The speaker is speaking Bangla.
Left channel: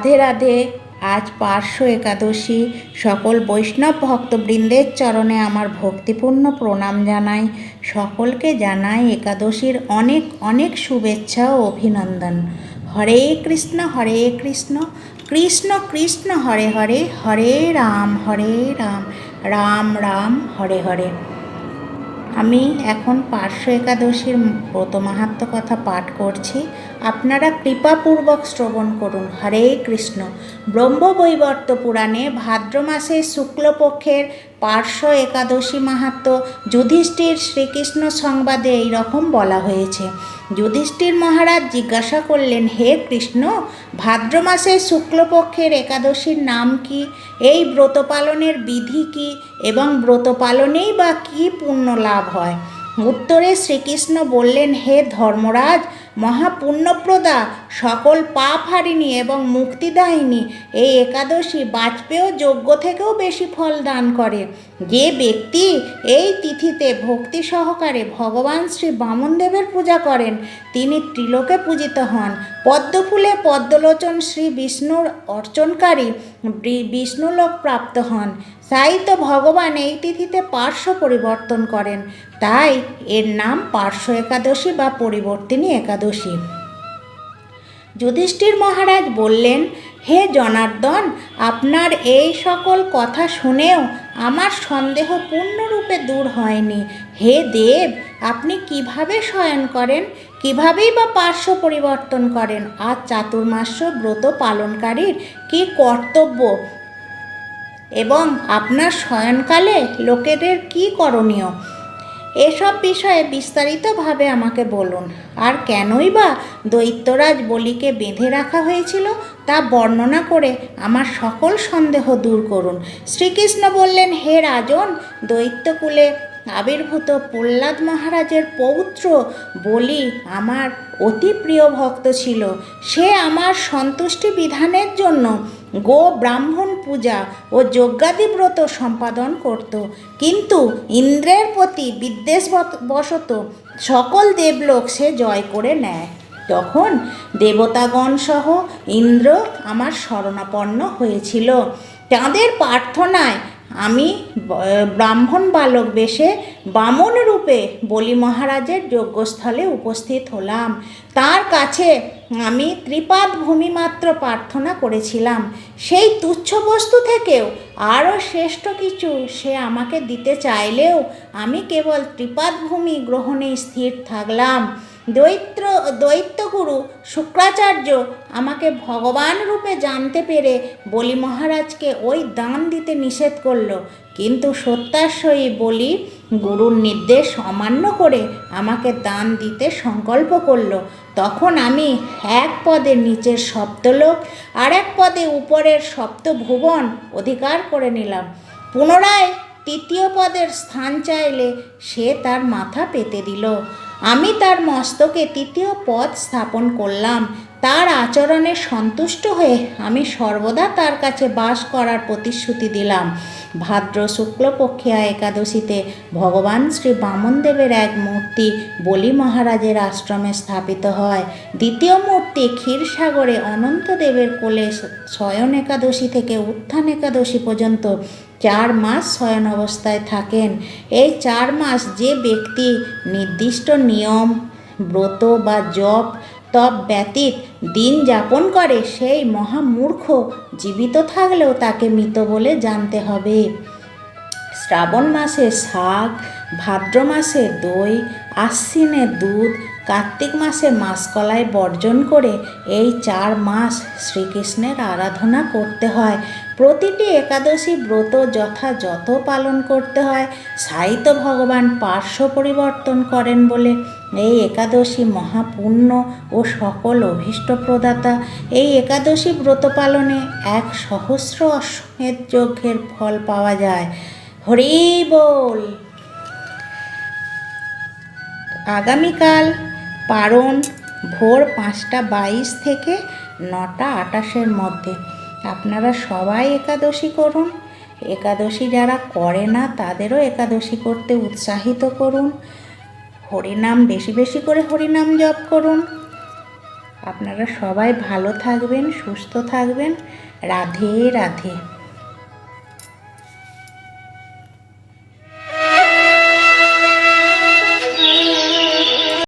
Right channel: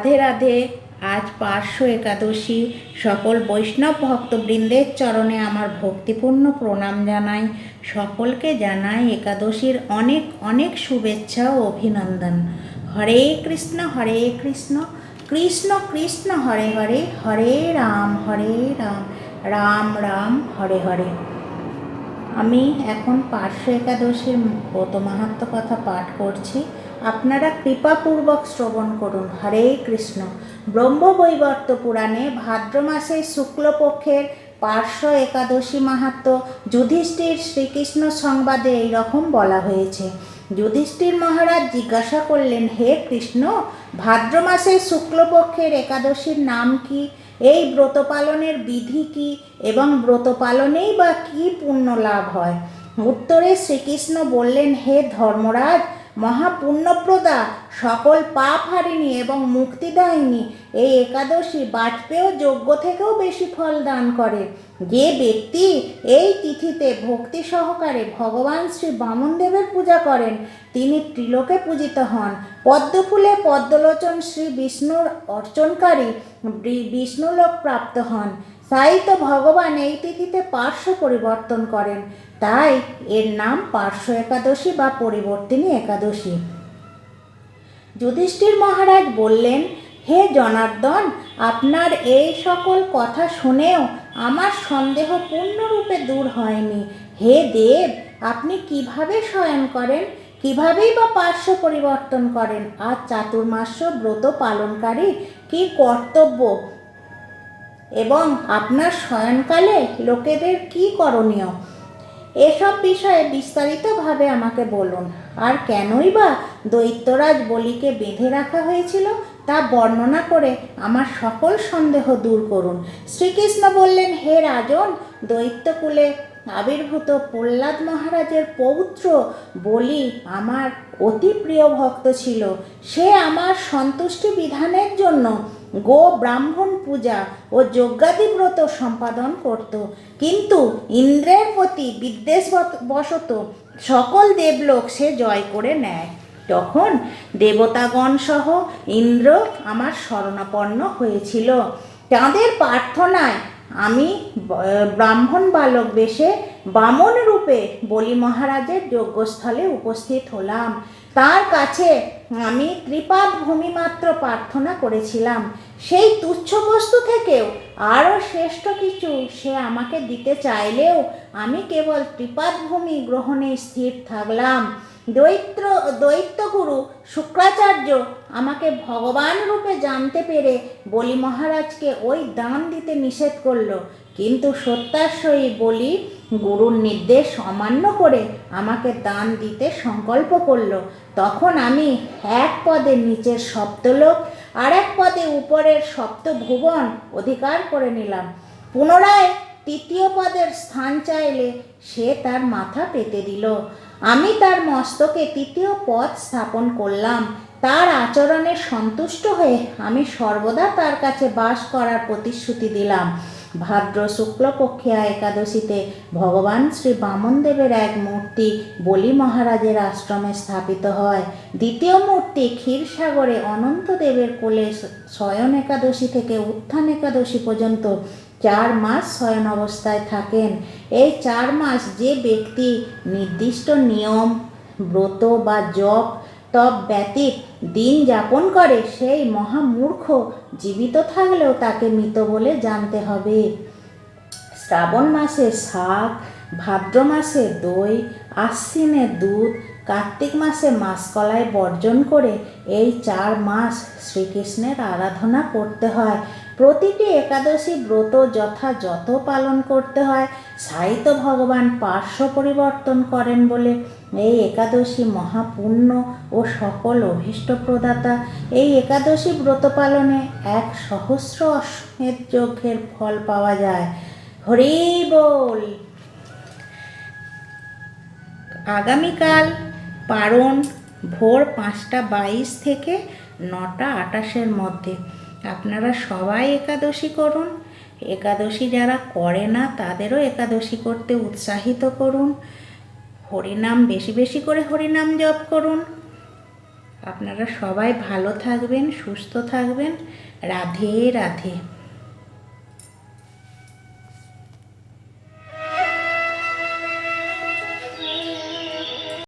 রাধে রাধে। আজ পার্শ্ব একাদশী। সকল বৈষ্ণব ভক্তবৃন্দের চরণে আমার ভক্তিপূর্ণ প্রণাম জানাই। সকলকে জানাই একাদশীর অনেক অনেক শুভেচ্ছা ও অভিনন্দন। হরে কৃষ্ণ কৃষ্ণ কৃষ্ণ হরে হরে, হরে রাম রাম রাম হরে হরে। আমি এখন পার্শ্ব একাদশীর ব্রত মাহাত্ম্য কথা পাঠ করছি, আপনারা কৃপাপূর্বক শ্রবণ করুন। হরে কৃষ্ণ। ব্রহ্মবৈবর্ত পুরাণে ভাদ্র মাসের শুক্লপক্ষের পার্শ্ব একাদশী মাহাত্ম্য যুধিষ্ঠির শ্রীকৃষ্ণ সংবাদে এইরকম বলা হয়েছে। যুধিষ্ঠির মহারাজ জিজ্ঞাসা করলেন, হে কৃষ্ণ, ভাদ্র মাসের শুক্লপক্ষের একাদশীর নাম কি? এই ব্রত পালনের বিধি কি এবং ব্রত পালনেই বা কী পুণ্য লাভ হয়? উত্তরে শ্রীকৃষ্ণ বললেন, হে ধর্মরাজ, মহাপুণ্যপ্রদা, সকল পাপ হারিণী এবং মুক্তিদায়িনী এই একাদশী বাজপেয় যজ্ঞ থেকেও বেশি ফল দান করে। যে ব্যক্তি এই তিথিতে ভক্তি সহকারে ভগবান শ্রী বামনদেবের পূজা করেন তিনি ত্রিলোকে পূজিত হন। পদ্মফুলে পদ্মলোচন শ্রী বিষ্ণুর অর্চনকারী বিষ্ণুলোক প্রাপ্ত হন। তাই তো ভগবান এই তিথিতে পার্শ্ব পরিবর্তন করেন, তাই এর নাম পার্শ্ব একাদশী বা পরিবর্তিনী একাদশী। যুধিষ্ঠির মহারাজ বললেন, হে জনার্দন, আপনার এই সকল কথা শুনেও আমার সন্দেহ পূর্ণরূপে দূর হয়নি। হে দেব, আপনি কিভাবে শয়ন করেন, কিভাবেই বা পার্শ্ব পরিবর্তন করেন? আর চাতুর্মাস্য ব্রত পালনকারীর কি কর্তব্য এবং আপনার শয়নকালে লোকেদের কি করণীয়? এসব বিষয়ে বিস্তারিতভাবে আমাকে বলুন। আর কেনই বা দৈত্যরাজ বলিকে বেঁধে রাখা হয়েছিল তা বর্ণনা করে আমার সকল সন্দেহ দূর করুন। শ্রীকৃষ্ণ বললেন, হে রাজন, দৈত্যকুলে আবির্ভূত প্রহ্লাদ মহারাজের পৌত্র বলি আমার অতি প্রিয় ভক্ত ছিল। সে আমার সন্তুষ্টি বিধানের জন্য গো ব্রাহ্মণ পূজা ও যজ্ঞাদি ব্রত সম্পাদন করত, কিন্তু ইন্দ্রের প্রতি বিদ্বেষবশত সকল দেবলোক সে জয় করে নেয়। তখন দেবতাগণ সহ ইন্দ্র আমার শরণাপন্ন হয়েছিল। তাঁদের প্রার্থনায় আমি ব্রাহ্মণ বালক বেশে বামন রূপে বলি মহারাজের যজ্ঞস্থলে উপস্থিত হলাম। তার কাছে আমি ত্রিপাদ ভূমি মাত্র প্রার্থনা করেছিলাম। সেই তুচ্ছ বস্তু থেকেও আরও শ্রেষ্ঠ কিছু সে আমাকে দিতে চাইলেও আমি কেবল ত্রিপাদ ভূমি গ্রহণে স্থির থাকলাম। দৈত্যগুরু শুক্রাচার্য আমাকে ভগবান রূপে জানতে পেরে বলি মহারাজকে ওই দান দিতে নিষেধ করল, কিন্তু সত্যাশ্বয়ী বলি গুরুর নির্দেশ অমান্য করে আমাকে দান দিতে সংকল্প করল। তখন আমি এক পদে নিচের সপ্তলোক আর এক পদে উপরের সপ্তভুবন অধিকার করে নিলাম। পুনরায় তৃতীয় পদের স্থান চাইলে সে তার মাথা পেতে দিল। আমি তার মস্তকে তৃতীয় পদ স্থাপন করলাম। তার আচরণে সন্তুষ্ট হয়ে আমি সর্বদা তার কাছে বাস করার প্রতিশ্রুতি দিলাম। ভাদ্র শুক্লপক্ষিয়া একাদশীতে ভগবান শ্রী বামনদেবের এক মূর্তি বলি মহারাজের আশ্রমে স্থাপিত হয়। দ্বিতীয় মূর্তি ক্ষীরসাগরে অনন্তদেবের কোলে শয়ন একাদশী থেকে উত্থান একাদশী পর্যন্ত 4 মাস শয়ন অবস্থায় থাকেন। এই 4 মাস যে ব্যক্তি নির্দিষ্ট নিয়ম ব্রত বা জপ তপ ব্যতীত দিন যাপন করে সেই মহামূর্খ জীবিত থাকলেও তাকে মৃত বলে জানতে হবে। শ্রাবণ মাসে শাক, ভাদ্র মাসে দই, আশ্বিনে দুধ, কার্তিক মাসে মাসকলাই বর্জন করে এই 4 মাস শ্রীকৃষ্ণের আরাধনা করতে হয়। প্রতিটি একাদশী ব্রত যথাযথ পালন করতে হয়। সাহিত্য ভগবান পার্শ্ব পরিবর্তন করেন বলে এই একাদশী মহাপুণ্য ও সকল অভীষ্ট প্রদাতা। এই একাদশী ব্রত পালনে 1,000 অশ্বমেধ যজ্ঞের ফল পাওয়া যায়। হরি বল। আগামীকাল পারণ ভোর 5:22 থেকে 9:28 মধ্যে। আপনারা সবাই একাদশী করুন। একাদশী যারা করে না তাদেরও একাদশী করতে উৎসাহিত করুন। হরিনাম বেশি বেশি করে হরিনাম জপ করুন। আপনারা সবাই ভালো থাকবেন, সুস্থ থাকবেন। রাধে রাধে।